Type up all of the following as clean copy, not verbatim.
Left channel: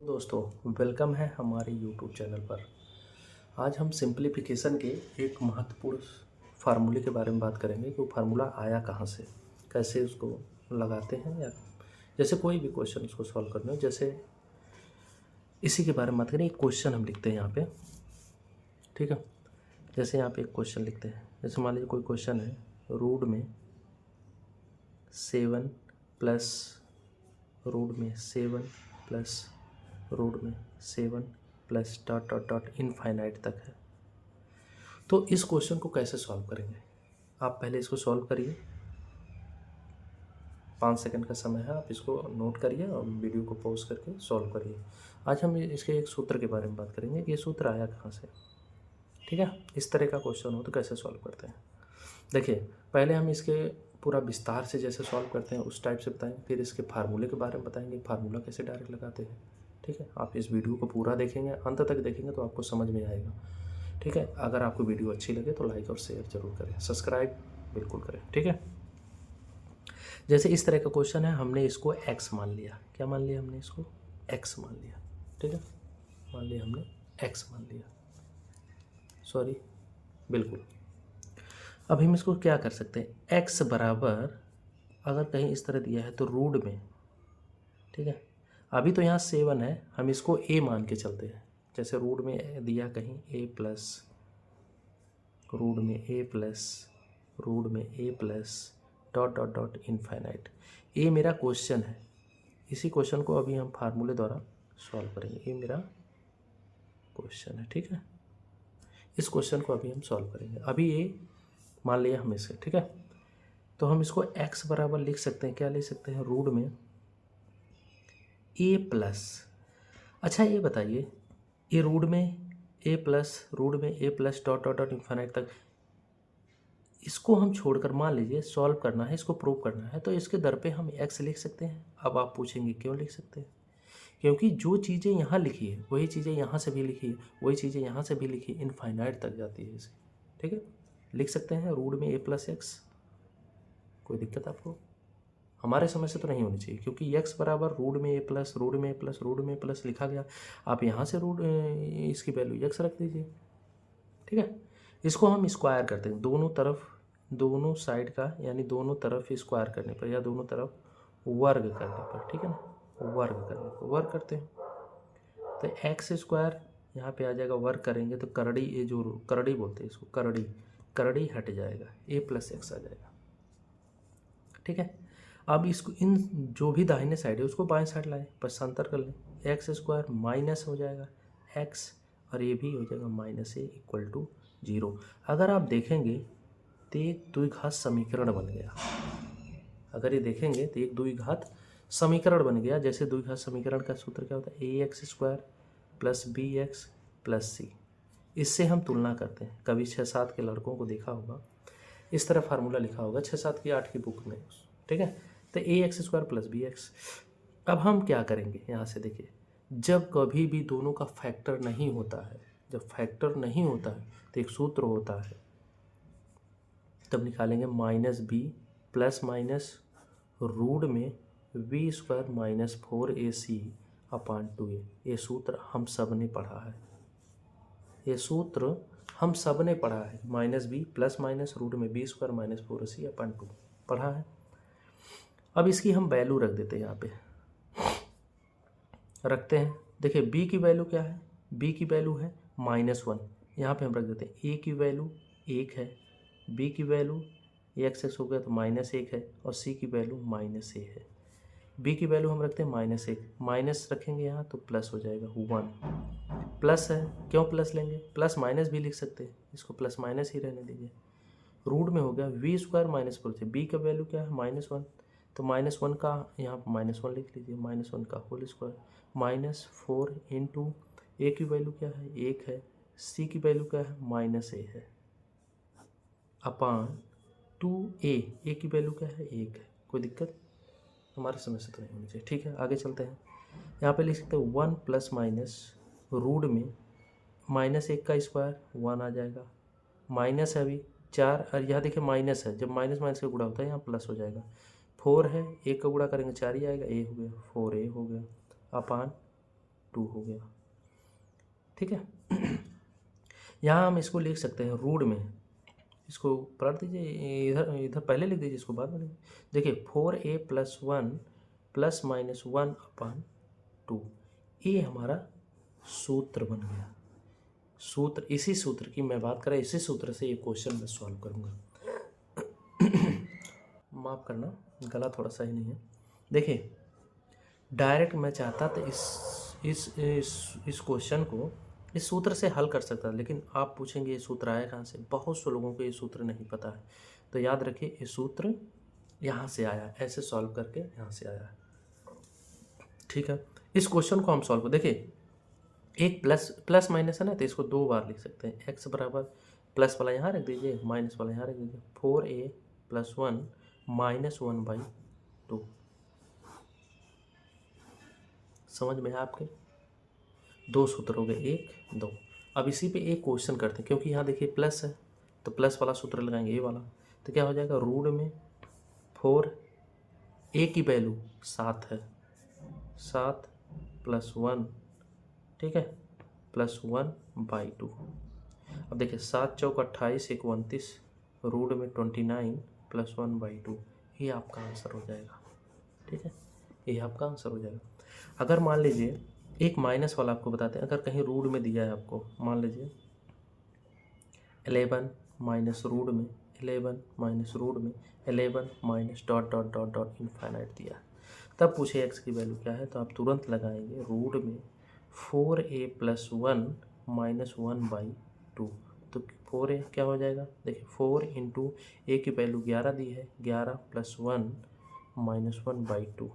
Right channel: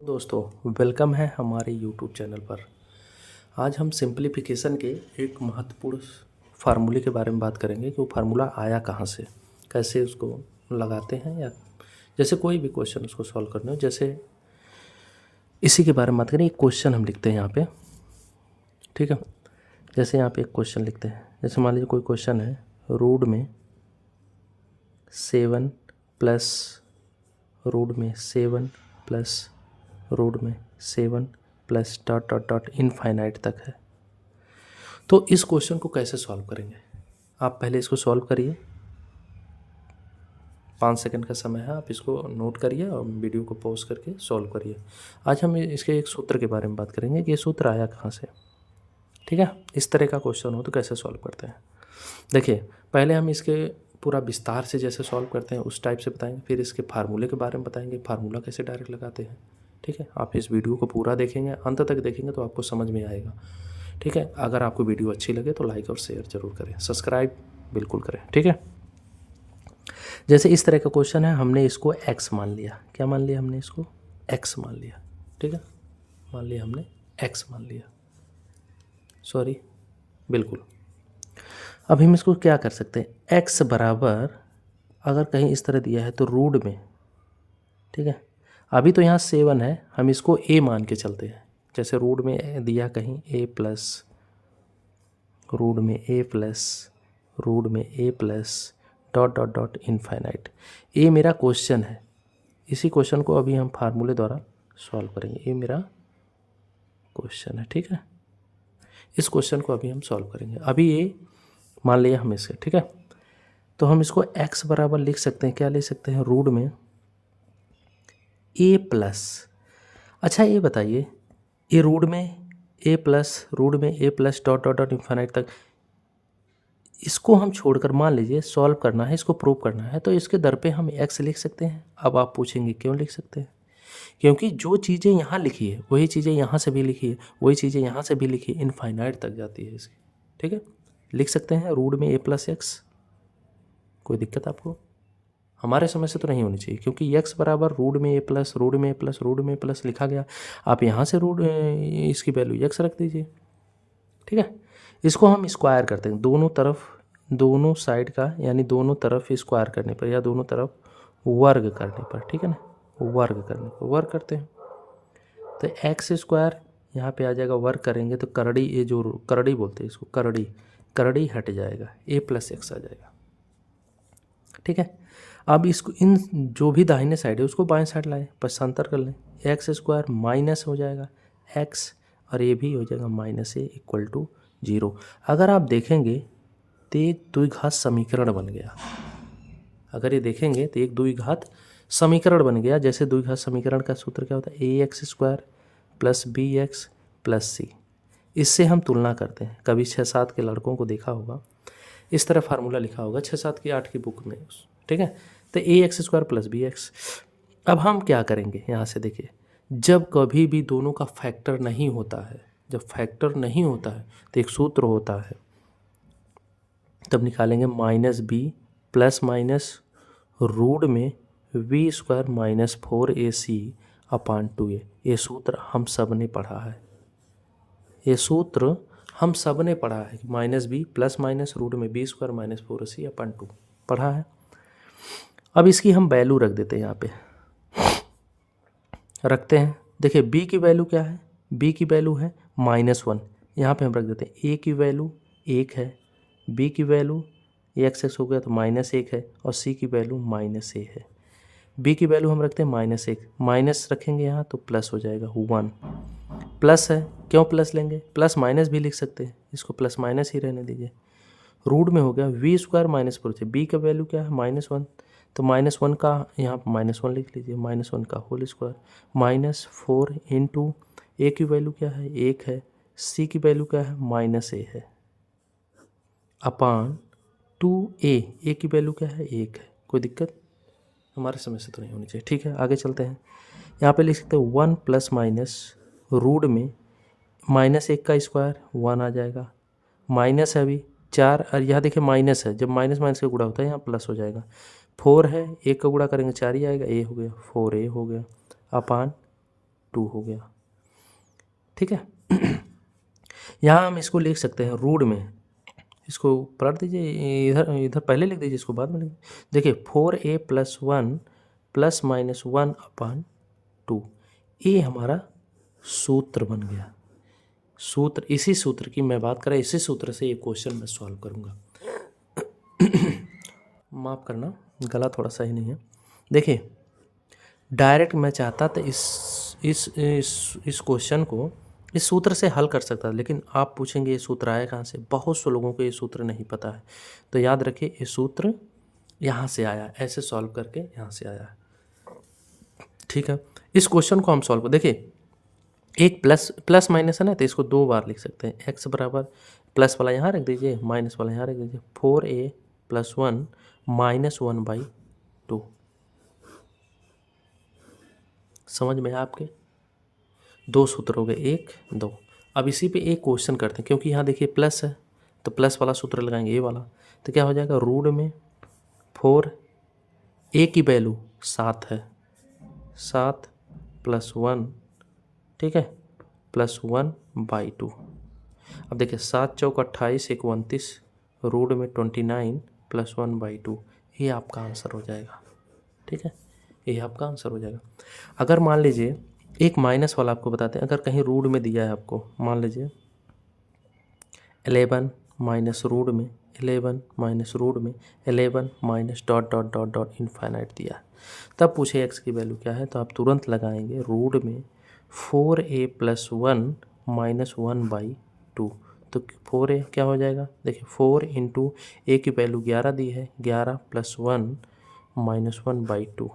दोस्तों वेलकम है हमारे YouTube चैनल पर। आज हम सिंप्लीफिकेशन के एक महत्वपूर्ण फार्मूले के बारे में बात करेंगे कि वो फार्मूला आया कहाँ से, कैसे उसको लगाते हैं, या जैसे कोई भी क्वेश्चन उसको सॉल्व करना हो, जैसे इसी के बारे में बात करें। एक क्वेश्चन हम लिखते हैं यहाँ पे, ठीक है। जैसे यहाँ पे एक क्वेश्चन लिखते हैं, जैसे मान लीजिए कोई क्वेश्चन है, रूट में 7 प्लस रूट में 7 plus dot dot dot infinite तक है। तो इस क्वेश्चन को कैसे सॉल्व करेंगे, आप पहले इसको सॉल्व करिए। 5 सेकंड का समय है, आप इसको नोट करिए और वीडियो को पॉज करके सॉल्व करिए। आज हम इसके एक सूत्र के बारे में बात करेंगे कि ये सूत्र आया कहाँ से, ठीक है। इस तरह का क्वेश्चन हो तो कैसे सॉल्व करते हैं, देखिए पहले हम इसके पूरा विस्तार से जैसे सॉल्व करते हैं उस टाइप से बताएंगे, फिर इसके फार्मूले के बारे में बताएंगे, फार्मूला कैसे डायरेक्ट लगाते हैं, ठीक है। आप इस वीडियो को पूरा देखेंगे, अंत तक देखेंगे तो आपको समझ में आएगा, ठीक है। अगर आपको वीडियो अच्छी लगे तो लाइक और शेयर जरूर करें, सब्सक्राइब बिल्कुल करें, ठीक है। जैसे इस तरह का क्वेश्चन है, हमने इसको x मान लिया। क्या मान लिया हमने इसको? x मान लिया, ठीक है। मान लिया हमने x मान लिया, सॉरी बिल्कुल। अब हम इसको क्या कर सकते हैं, x बराबर अगर कहीं इस तरह दिया है तो रूट में, ठीक है। अभी तो यहाँ 7 है, हम इसको a मान के चलते हैं। जैसे रूट में दिया कहीं a plus dot dot dot infinite. ये मेरा क्वेश्चन है, इसी क्वेश्चन को अभी हम फार्मूले द्वारा सॉल्व करेंगे। ये मेरा क्वेश्चन है, ठीक है। इस क्वेश्चन को अभी हम सॉल्व करेंगे। अभी ये मान लिया हम इसे, ठीक है। तो हम इसको x बराबर लिख सकते हैं, क्या लिख सकते हैं, रूट में a प्लस, अच्छा ये बताइए, ये रूट में a plus dot dot dot infinite तक, इसको हम छोड़कर मान लीजिए सॉल्व करना है, इसको प्रूव करना है, तो इसके दर पे हम x लिख सकते हैं। अब आप पूछेंगे क्यों लिख सकते हैं, क्योंकि जो चीज़ें यहाँ लिखी है वही चीज़ें यहाँ से भी लिखी है, वही चीज़ें यहाँ से भी लिखी है, इनफाइनाइट तक जाती है इसकी, ठीक है। लिख सकते हैं रूट में a प्लस एक्स, कोई दिक्कत आपको? हमारे समझ से तो नहीं होनी चाहिए, क्योंकि x बराबर रूट में a प्लस लिखा गया। आप यहाँ से रूट इसकी वैल्यू x रख दीजिए, ठीक है। इसको हम स्क्वायर करते हैं, दोनों तरफ, दोनों साइड का, यानी दोनों तरफ स्क्वायर करने पर या दोनों तरफ वर्ग करने पर, ठीक है ना, वर्ग करने पर वर्ग करते हैं। तो एक्स स्क्वायर यहाँ पे आ जाएगा, वर्ग करेंगे तो करड़ी, ये जो करड़ी बोलते हैं इसको, करड़ी हट जाएगा, a प्लस एक्स आ जाएगा, ठीक है। अब इसको इन जो भी दाहिने साइड है उसको बाएं साइड लाएं, पक्षांतर कर लें, एक्स स्क्वायर माइनस हो जाएगा एक्स, और ये भी हो जाएगा माइनस a इक्वल टू 0। अगर आप देखेंगे तो एक द्विघात समीकरण बन गया। अगर ये देखेंगे तो एक द्विघात समीकरण बन गया। जैसे द्विघात समीकरण का सूत्र क्या होता है, ax² plus bx plus c। इससे हम तुलना करते हैं, कभी 6-7 के लड़कों को देखा होगा, इस तरह फार्मूला लिखा होगा 6-7 की 8 की बुक में, ठीक है। तो ax² प्लस bx। अब हम क्या करेंगे, यहाँ से देखिए, जब कभी भी दोनों का फैक्टर नहीं होता है, जब फैक्टर नहीं होता है तो एक सूत्र होता है, तब निकालेंगे minus B plus minus root में v² माइनस 4ac अपान 2a। ये सूत्र हम सब ने पढ़ा है, ये सूत्र हम सब ने पढ़ा है, minus B plus minus root में v² माइनस 4ac अपान 2 पढ़ा है। अब इसकी हम वैल्यू रख देते हैं, यहाँ पे रखते हैं। देखिए b की वैल्यू क्या है, b की वैल्यू है -1, यहाँ पे हम रख देते हैं। a की वैल्यू 1 है, b की वैल्यू x हो गया तो -1 है, और c की वैल्यू -a है। b की वैल्यू हम रखते हैं -1, माइनस रखेंगे यहाँ तो प्लस हो जाएगा 1, प्लस है, क्यों प्लस लेंगे, प्लस माइनस भी लिख सकते हैं, इसको प्लस माइनस ही रहने दीजिए। रूट में हो गया v² माइनस 4, b का वैल्यू क्या है -1, तो -1 का यहाँ -1 लिख लीजिए, -1 का होल स्क्वायर, -4 इंटू a की वैल्यू क्या है 1 है, c की वैल्यू क्या है -a है, अपान 2a की वैल्यू क्या है 1 है। कोई दिक्कत हमारे समझ से तो नहीं होनी चाहिए, ठीक है। आगे चलते हैं, यहाँ पे लिख सकते हैं 1 प्लस माइनस रूट में -1 का स्क्वायर 1 आ जाएगा, माइनस है अभी 4, और यहाँ देखिए माइनस है, जब माइनस माइनस का गुणा होता है यहाँ प्लस हो जाएगा। 4 है, 1 का गुणा करेंगे 4 ही आएगा, a हो गया 4a हो गया, अपान 2 हो गया, ठीक है। यहाँ हम इसको लिख सकते हैं रूट में, इसको पलट दीजिए, इधर इधर पहले लिख दीजिए, इसको बाद में लिख देखिए 4a+1 +-1/2, ये हमारा सूत्र बन गया। सूत्र, इसी सूत्र की मैं बात करें, इसी सूत्र से ये क्वेश्चन मैं सॉल्व करूँगा। माफ़ करना, गला थोड़ा सही नहीं है। देखिए डायरेक्ट मैं चाहता था इस क्वेश्चन को इस सूत्र से हल कर सकता, लेकिन आप पूछेंगे ये सूत्र आया कहाँ से। बहुत से लोगों को ये सूत्र नहीं पता है, तो याद रखिए ये सूत्र यहाँ से आया, ऐसे सॉल्व करके यहाँ से आया, ठीक है। इस क्वेश्चन को हम सॉल्व कर देखिए, एक प्लस माइनस है ना, तो इसको 2 बार लिख सकते हैं। x बराबर प्लस वाला यहाँ रख दीजिए, माइनस वाला यहाँ रख दीजिए, 4a+1 -1/2। समझ में आपके 2 सूत्र हो गए, 1 2। अब इसी पे एक क्वेश्चन करते हैं, क्योंकि यहाँ देखिए प्लस है तो प्लस वाला सूत्र लगाएंगे, ये वाला, तो क्या हो जाएगा, रूट में 4, a की वैल्यू 7 है, 7 + 1, ठीक है, +1/2। अब देखिए 7 चौक 28, 1 29, रूट में 29 +1/2, ये आपका आंसर हो जाएगा, ठीक है, ये आपका आंसर हो जाएगा। अगर मान लीजिए एक माइनस वाला आपको बताते हैं, अगर कहीं रूट में दिया है आपको, मान लीजिए 11 माइनस रूट में 11 माइनस रूट में 11 minus dot dot dot dot infinite दिया है, तब पूछे x की वैल्यू क्या है, तो आप तुरंत लगाएंगे रूट में 4a+1 -1/2, तो 4a क्या हो जाएगा, देखिए 4 इंटू a की वैल्यू 11 दी है, 11 + 1 -1/2,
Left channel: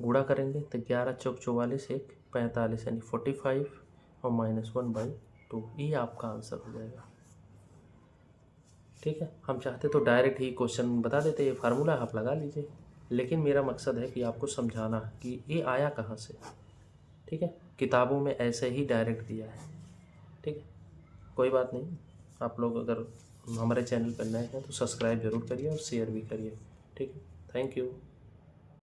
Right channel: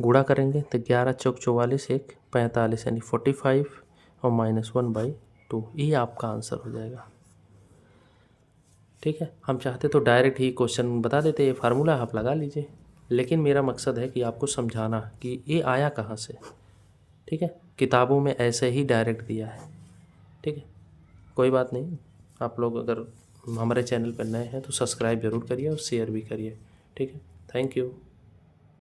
गुणा करेंगे तो 11 चौक 44, 1 45 यानी 45 और -1/2, ये आपका आंसर हो जाएगा, ठीक है। हम चाहते तो डायरेक्ट ही क्वेश्चन बता देते, ये फार्मूला आप लगा लीजिए, लेकिन मेरा मकसद है कि आपको समझाना कि ये आया कहाँ से, ठीक है। किताबों में ऐसे ही डायरेक्ट दिया है, ठीक है। कोई बात नहीं, आप लोग अगर हमारे चैनल पर नए हैं तो सब्सक्राइब जरूर करिए और शेयर भी करिए, ठीक है। Thank you.